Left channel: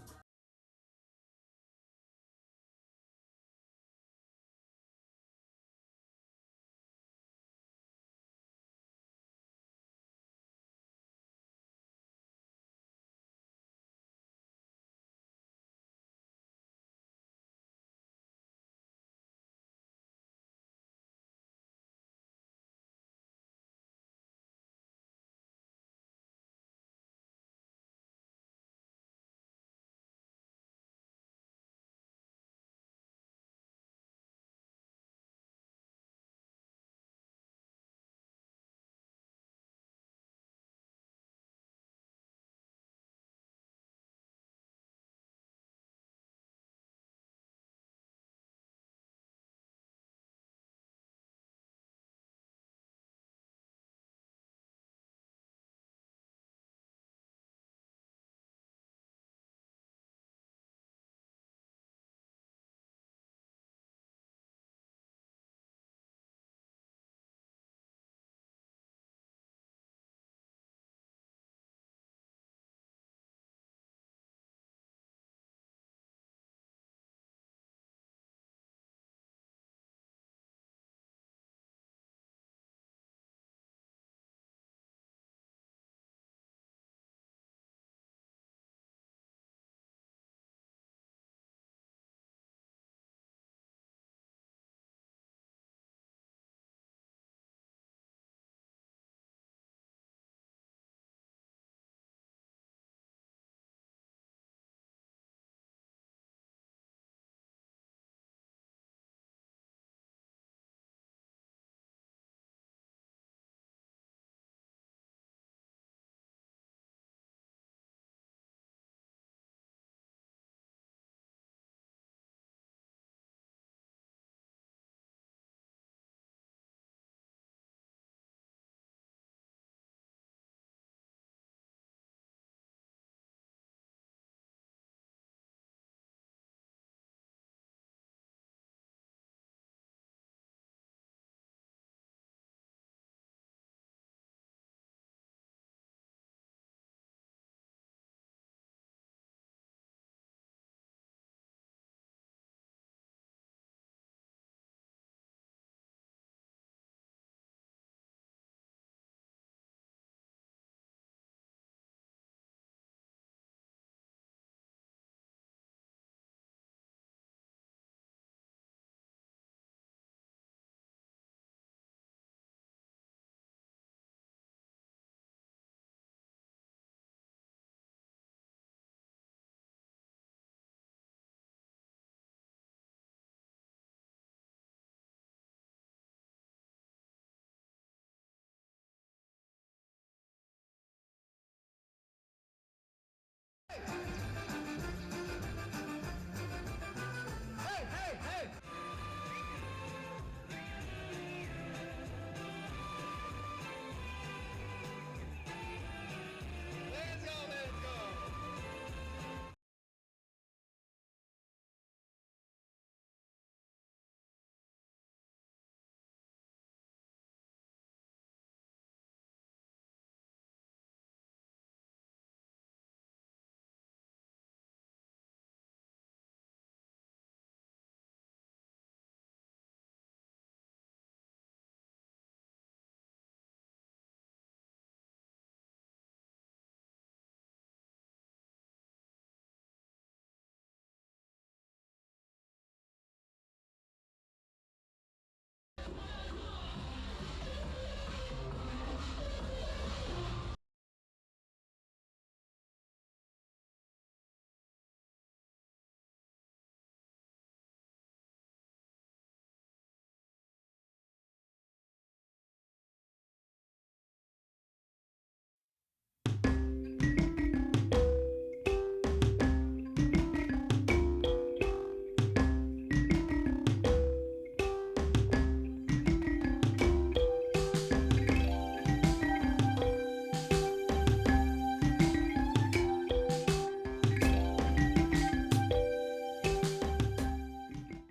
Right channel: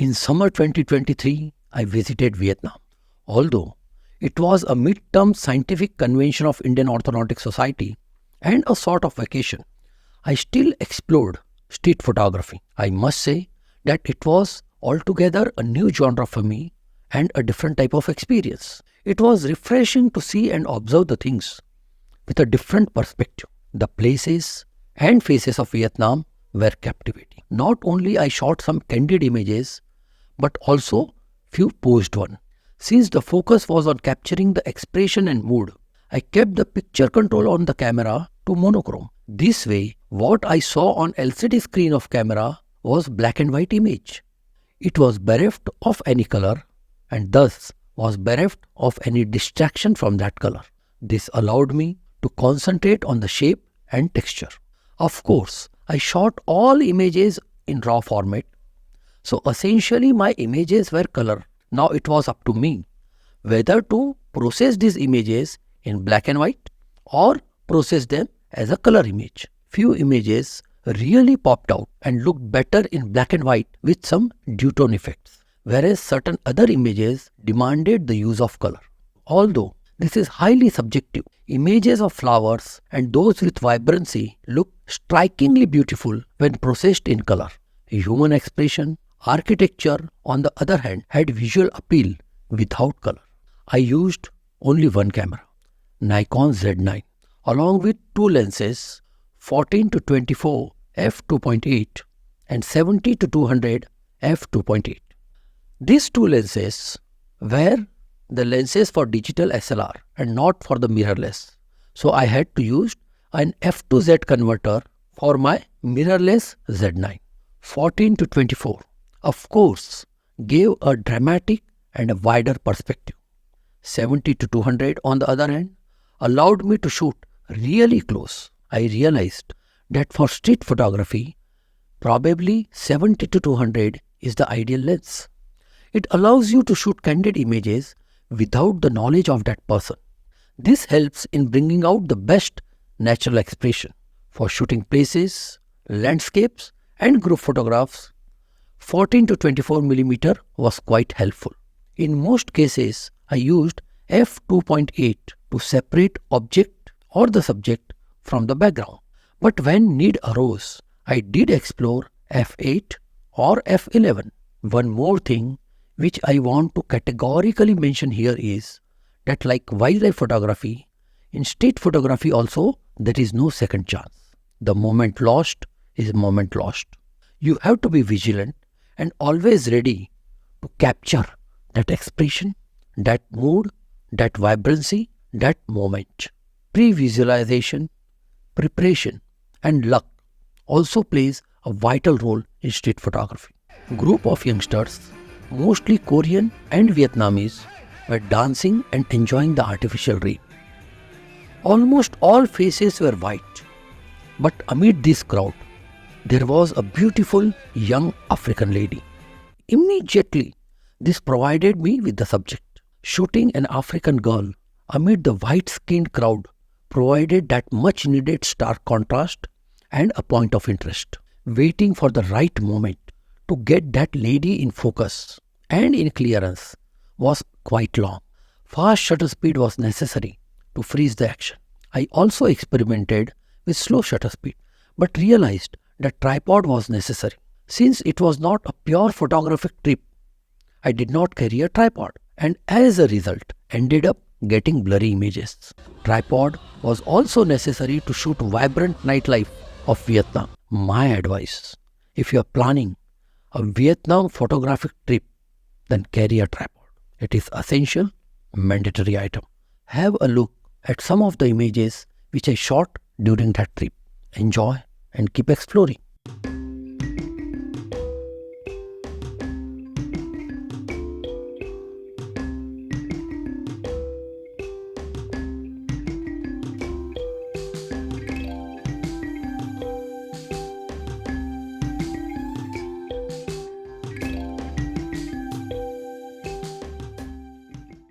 In summer 2023, I visited Vietnam. Although it was a mid-term scientific convention of Indian Orthodontic Society and a sort of vacation, I still explored street photography. I must say that it was altogether a new genre for me and a different type of experience. It was refreshing to see and observe the things with a different perspective. The places and faces of Vietnam were captivating. Not only I shot some candid images, but also few posed ones. Since the focus was on capturing the expression and mood, I kept the picture control on the camera to monochrome. This way, what I saw on LCD screen of camera was black and white image. It was bereft of any color and thus was bereft of any distraction from that color. This allowed me to concentrate on the shape and texture. Of course, I shot all images in RAW format. So essentially my images were color. Now it was up to me whether to process these images in black and white or process them as a color image. Few images really popped out and looked better in black and white with some duotone effects, whereas certain other images demanded the use of color. Although this is highly subjective, images of flowers and those with vibrancy look strikingly beautiful when processed in color. Human expression, architecture, on the other hand, had visual appeal without color. I used only one camera, Nikon Z9, along with two lenses, 14-24 f2.8 and 70-200 f2.8. These two lenses were the lenses for digital SLR and not for the mirrorless. So I had to use an f2Z converter for my mirrorless Z9. 14-24, of course, gave a dramatic and a wider perspective. 70-200 on the other hand allowed me to shoot really close. I realized that for street photography, probably 70-200 is the ideal lens. It allows you to shoot candid images without the knowledge of that person. This helps in bringing out the best natural expression. For shooting places, landscapes and group photographs, 14-24mm was quite helpful. In most cases, I used f2.8 to separate object or the subject from the background. But when need arose, I did explore f8 or f11. One more thing which I want to categorically mention here is that like wildlife photography, in street photography also there is no second chance. The moment lost is moment lost. You have to be vigilant and always ready to capture that expression, that mood, that vibrancy, that moment. Pre-visualization, preparation and luck also plays a vital role in street photography. A group of youngsters, mostly Korean and Vietnamese, were dancing and enjoying the artificial rain. Almost all faces were white, but amid this crowd, there was a beautiful young African lady. Immediately, this provided me with the subject. Shooting an African girl amid the white-skinned crowd provided that much-needed stark contrast and a point of interest. Waiting for the right moment to get that lady in focus and in clearance was quite long. Fast shutter speed was necessary to freeze the action. I also experimented with slow shutter speed, but realized that tripod was necessary. Since it was not a pure photographic trip, I did not carry a tripod and as a result ended up getting blurry images. Tripod was also necessary to shoot vibrant nightlife of Vietnam. My advice, if you are planning a Vietnam photographic trip, then carry a tripod. It is essential, mandatory item. Have a look at some of the images which I shot during that trip. Enjoy and keep exploring.